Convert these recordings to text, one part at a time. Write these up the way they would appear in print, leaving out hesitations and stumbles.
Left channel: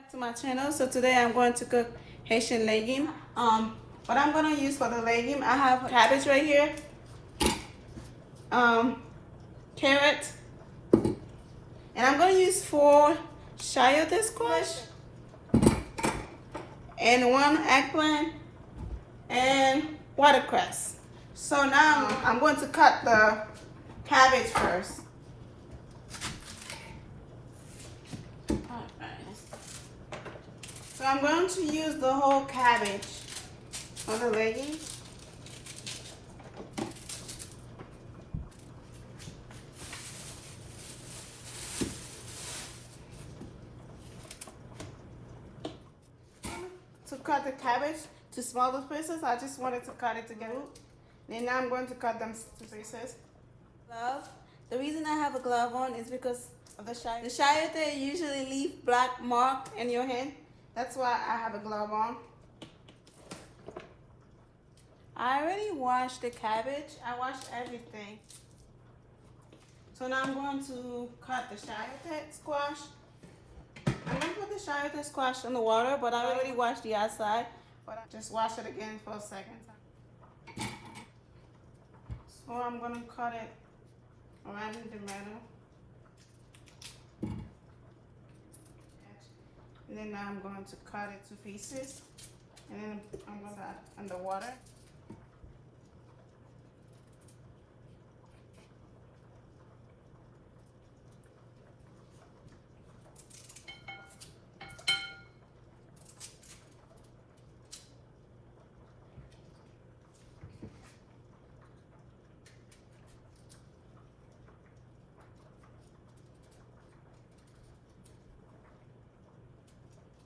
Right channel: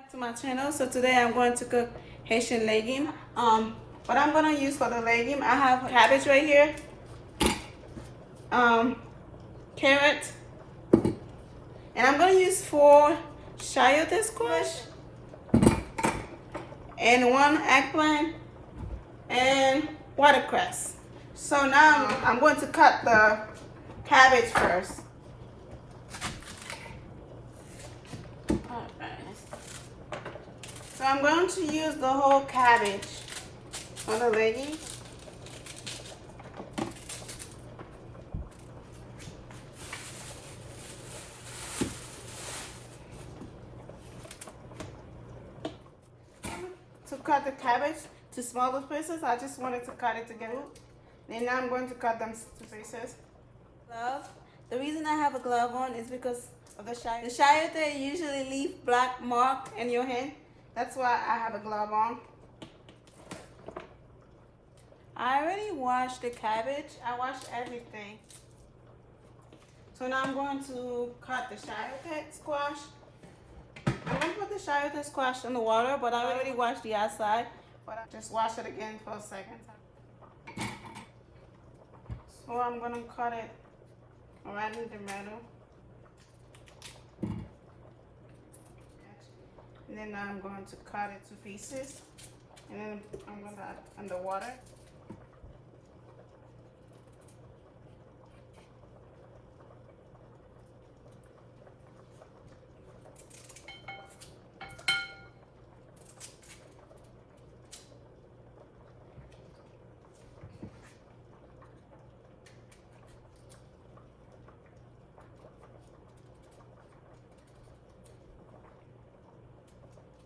Back to my channel. So today I'm going to cook Haitian legume. What I'm going to use for the legume, I have cabbage right here, carrot, and I'm going to use 4 Chayotes squash and 1 eggplant and watercress. So now I'm going to cut the cabbage first. So I'm going to use the whole cabbage on the legume. To cut the cabbage to smaller pieces, I just wanted to cut it together. Then now I'm going to cut them to pieces. Glove. The reason I have a glove on is because of the chayote. The chayote usually leave black mark in your hand. That's why I have a glove on. I already washed the cabbage. I washed everything. So now I'm going to cut the chayote squash. I'm going to put the chayote squash in the water, but I already washed the outside. But I just wash it again for a second. So I'm going to cut it right in the middle. And then now I'm going to cut it to pieces. And then I'm going to add it under water.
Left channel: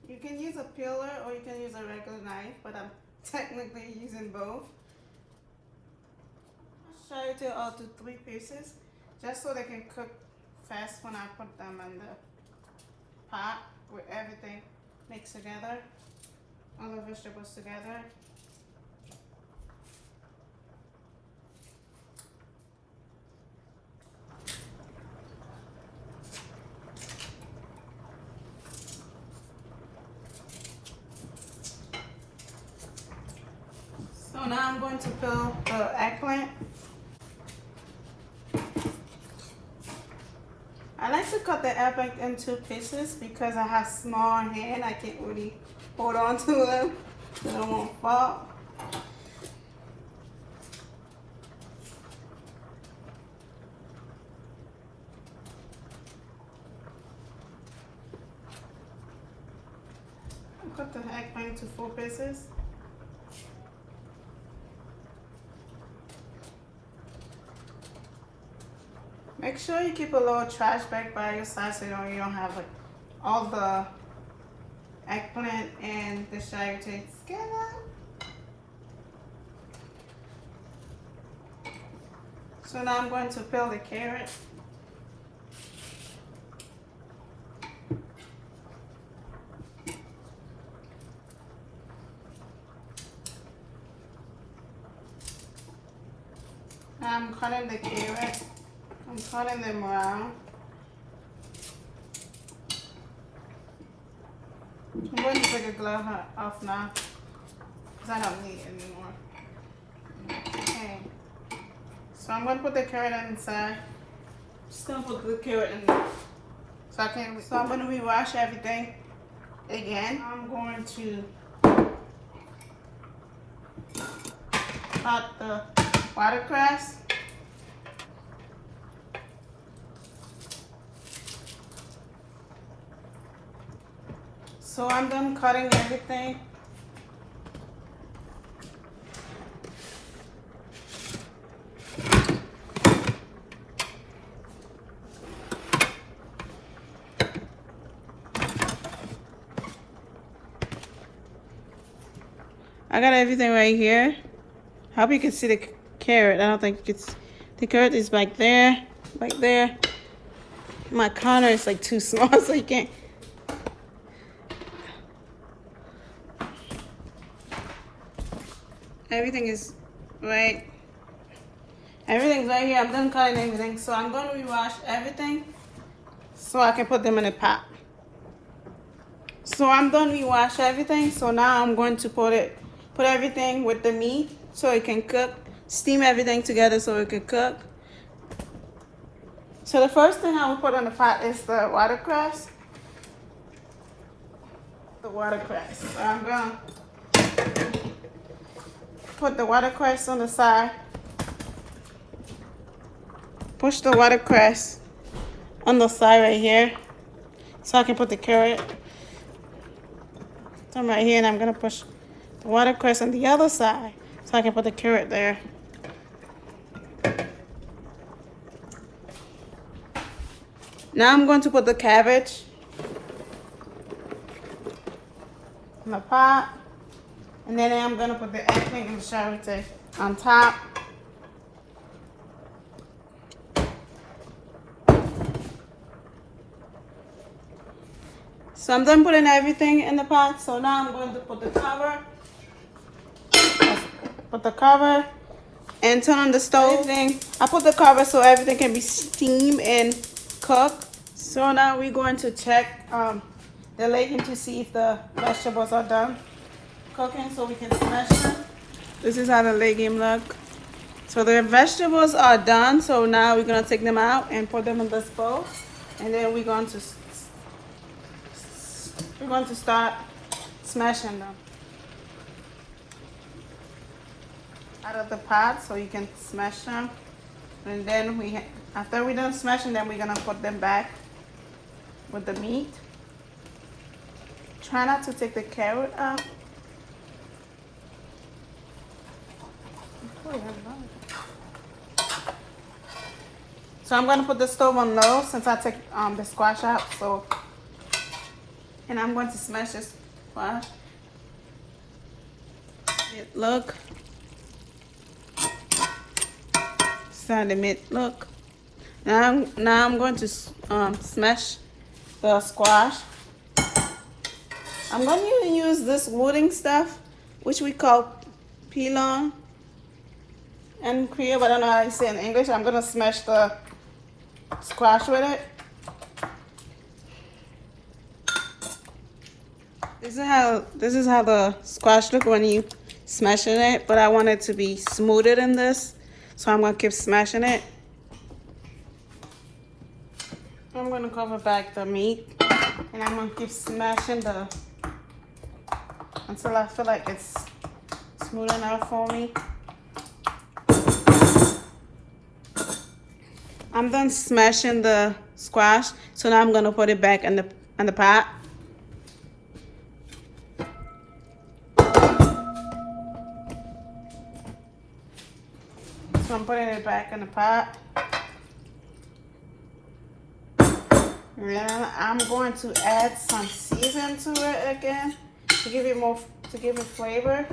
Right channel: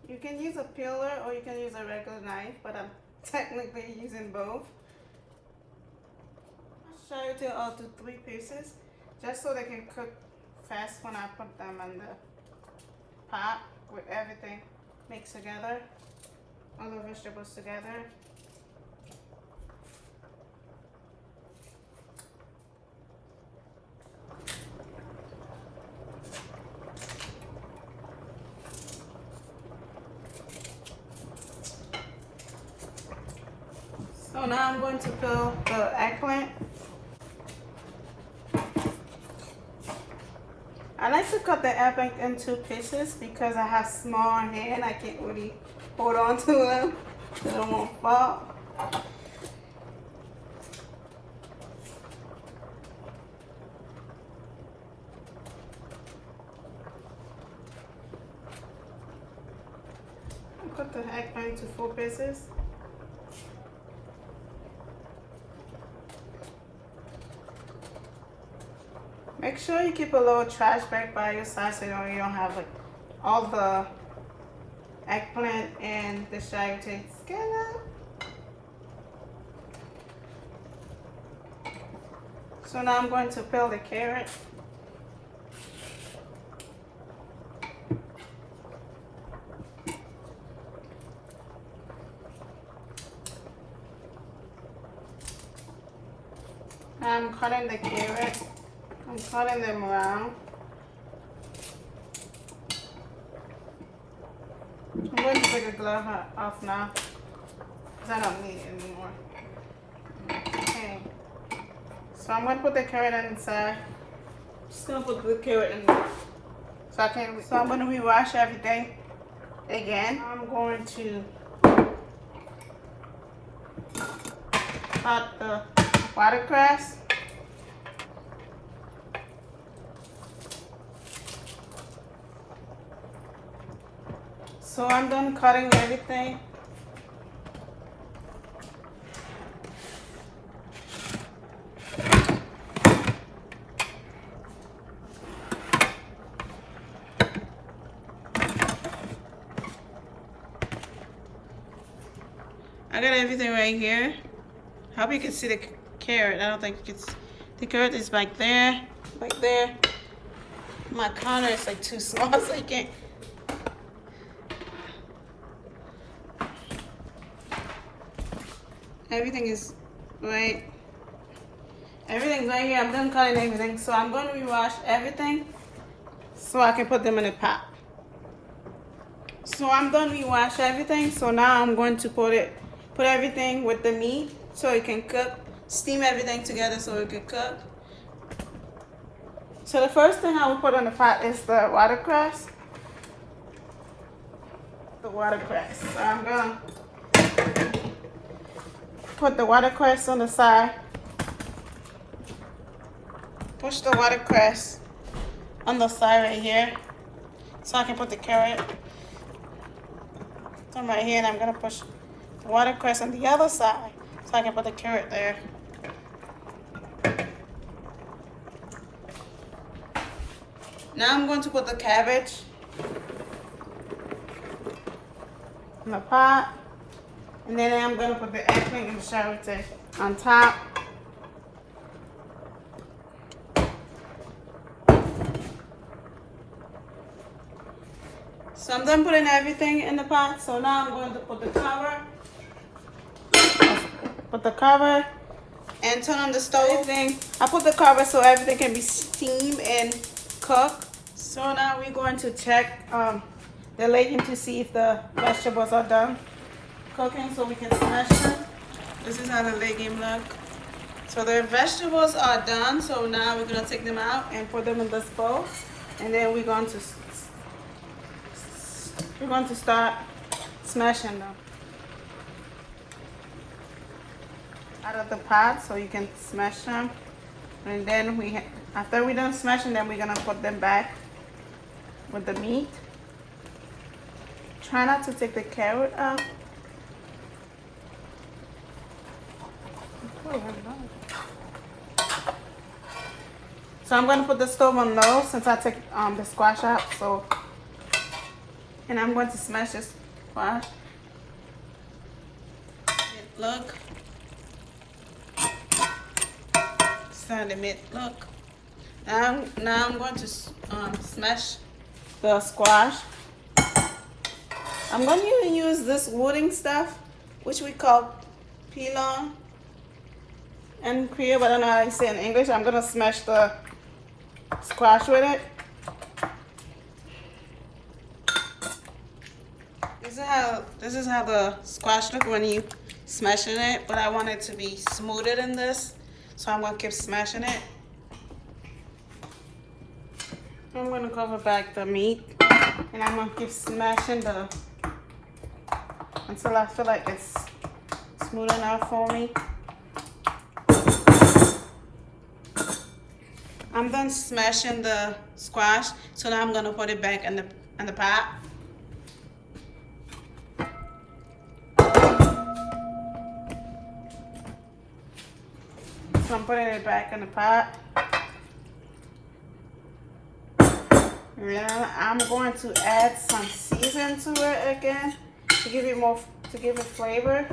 You can use a peeler or you can use a regular knife, but I'm technically using both. I'll show you all to 3 pieces, just so they can cook fast when I put them in the pot with everything mixed together, all the vegetables together. So now I'm going to peel the eggplant. I like to cut the eggplant in 2 pieces because I have small hand. I can't really hold on to them so they won't fall. I'll cut the eggplant into 4 pieces. Make sure you keep a little trash bag by your side so you don't have like all the eggplant and the chayote skin out. So now I'm going to peel the carrot. I'm cutting the carrot. I'm cutting them around. I'm going to take a glove off now because I don't need it anymore. Okay. So I'm going to put the carrot inside. Just going to put the carrot in there. So I'm going to rewash everything again. I'm going to cut the watercress. So I'm done cutting everything. I got everything right here. I hope you can see the carrot. I don't think you can see. The carrot is like there, right there. My counter is like too small, so you can't. Everything is right. Everything's right here. I'm done cutting everything. So I'm going to rewash everything so I can put them in a pot. So I'm done rewash everything. So now I'm going to put everything with the meat so it can cook. Steam everything together so it can cook. So the first thing I will put on the pot is the watercress. The watercress. So I'm gonna put the watercress on the side. Push the watercress on the side right here so I can put the carrot. So I'm right here and I'm gonna push the watercress on the other side so I can put the carrot there. Now I'm going to put the cabbage in the pot, and then I'm going to put the eggplant and the chayotes on top. So I'm done putting everything in the pot. So now I'm going to put the cover. Put the cover and turn on the stove. I put the cover so everything can be steamed and cooked. So now we're going to check the legume to see if the vegetables are done cooking so we can smash them. This is how the legume look. So the vegetables are done. So now we're going to take them out and put them in this bowl. And then we're going to start smashing them out of the pot so you can smash them. And then after we're done smashing them, we're gonna put them back with the meat. Try not to take the carrot out. So I'm gonna put the stove on low since I take the squash out. And I'm going to smash this squash. Look. So the meat look. Now I'm going to smash the squash. I'm going to use this wooden stuff, which we call pilon in Korea, but I don't know how you say it in English. I'm going to smash the squash with it. This is how the squash look when you smashing it, but I want it to be smoother than this, so I'm gonna keep smashing it. I'm gonna cover back the meat, and I'm gonna keep smashing until I feel like it's smooth enough for me. I'm done smashing the squash, so now I'm gonna put it back in the pot. So I'm putting it back in the pot. And then I'm going to add some seasoning to it again to give it flavor.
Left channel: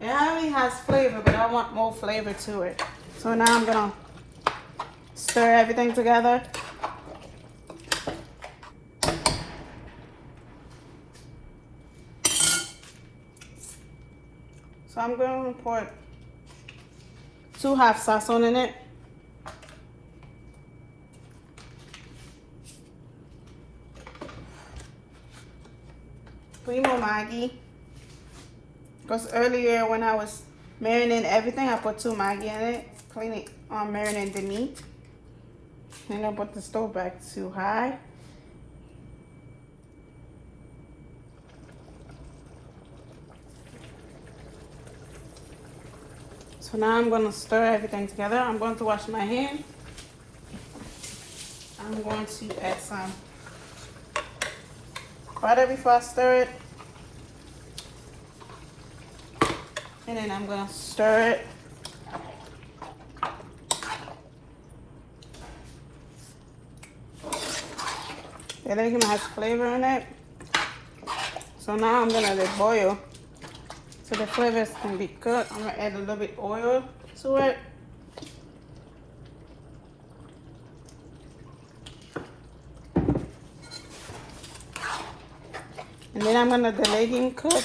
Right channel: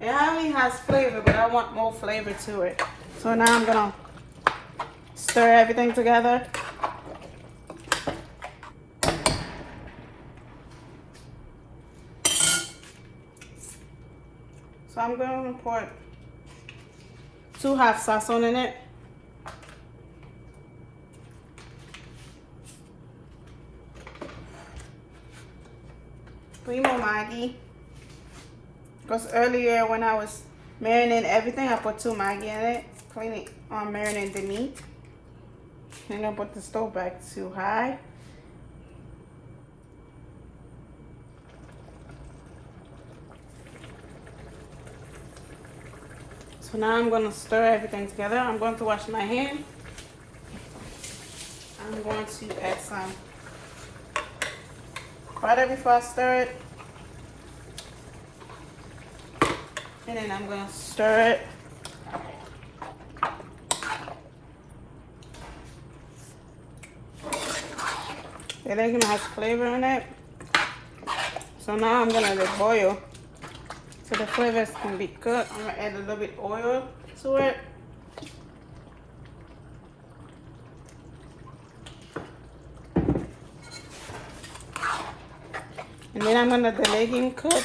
It already has flavor, but I want more flavor to it. So now I'm gonna stir everything together. So I'm going to put 2 half Sazon in it. Three more Maggi. Because earlier when I was marinating everything, I put 2 Maggi in it. Clean it, marinate the meat. I'm gonna put the stove back too high. So now I'm going to stir everything together. I'm going to wash my hand. I'm going to add some butter before I stir it. And then I'm going to stir it. The legume has flavor in it. So now I'm going to let it boil. So the flavors can be cooked. I'm gonna add a little bit oil to it. And then I'm gonna let the legume cook.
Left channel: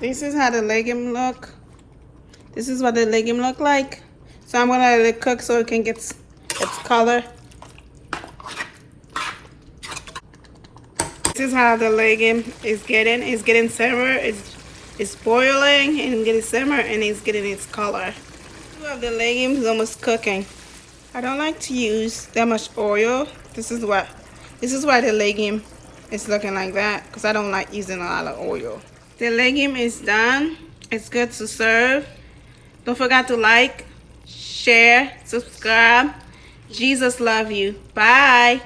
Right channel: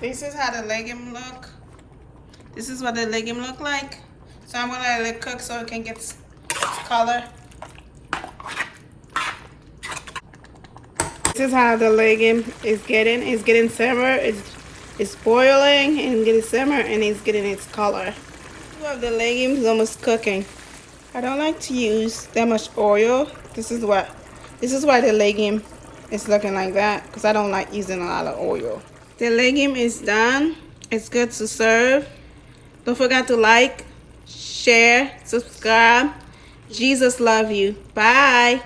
This is how the legume look. This is what the legume look like. So I'm gonna let it cook so it can get its color This is how the legume is getting. It's getting simmer. It's boiling and getting simmer, and it's getting its color. The legume is almost cooking. I don't like to use that much oil. This is why the legume is looking like that, because I don't like using a lot of oil. The legume is done. It's good to serve. Don't forget to like, share, subscribe. Jesus love you. Bye.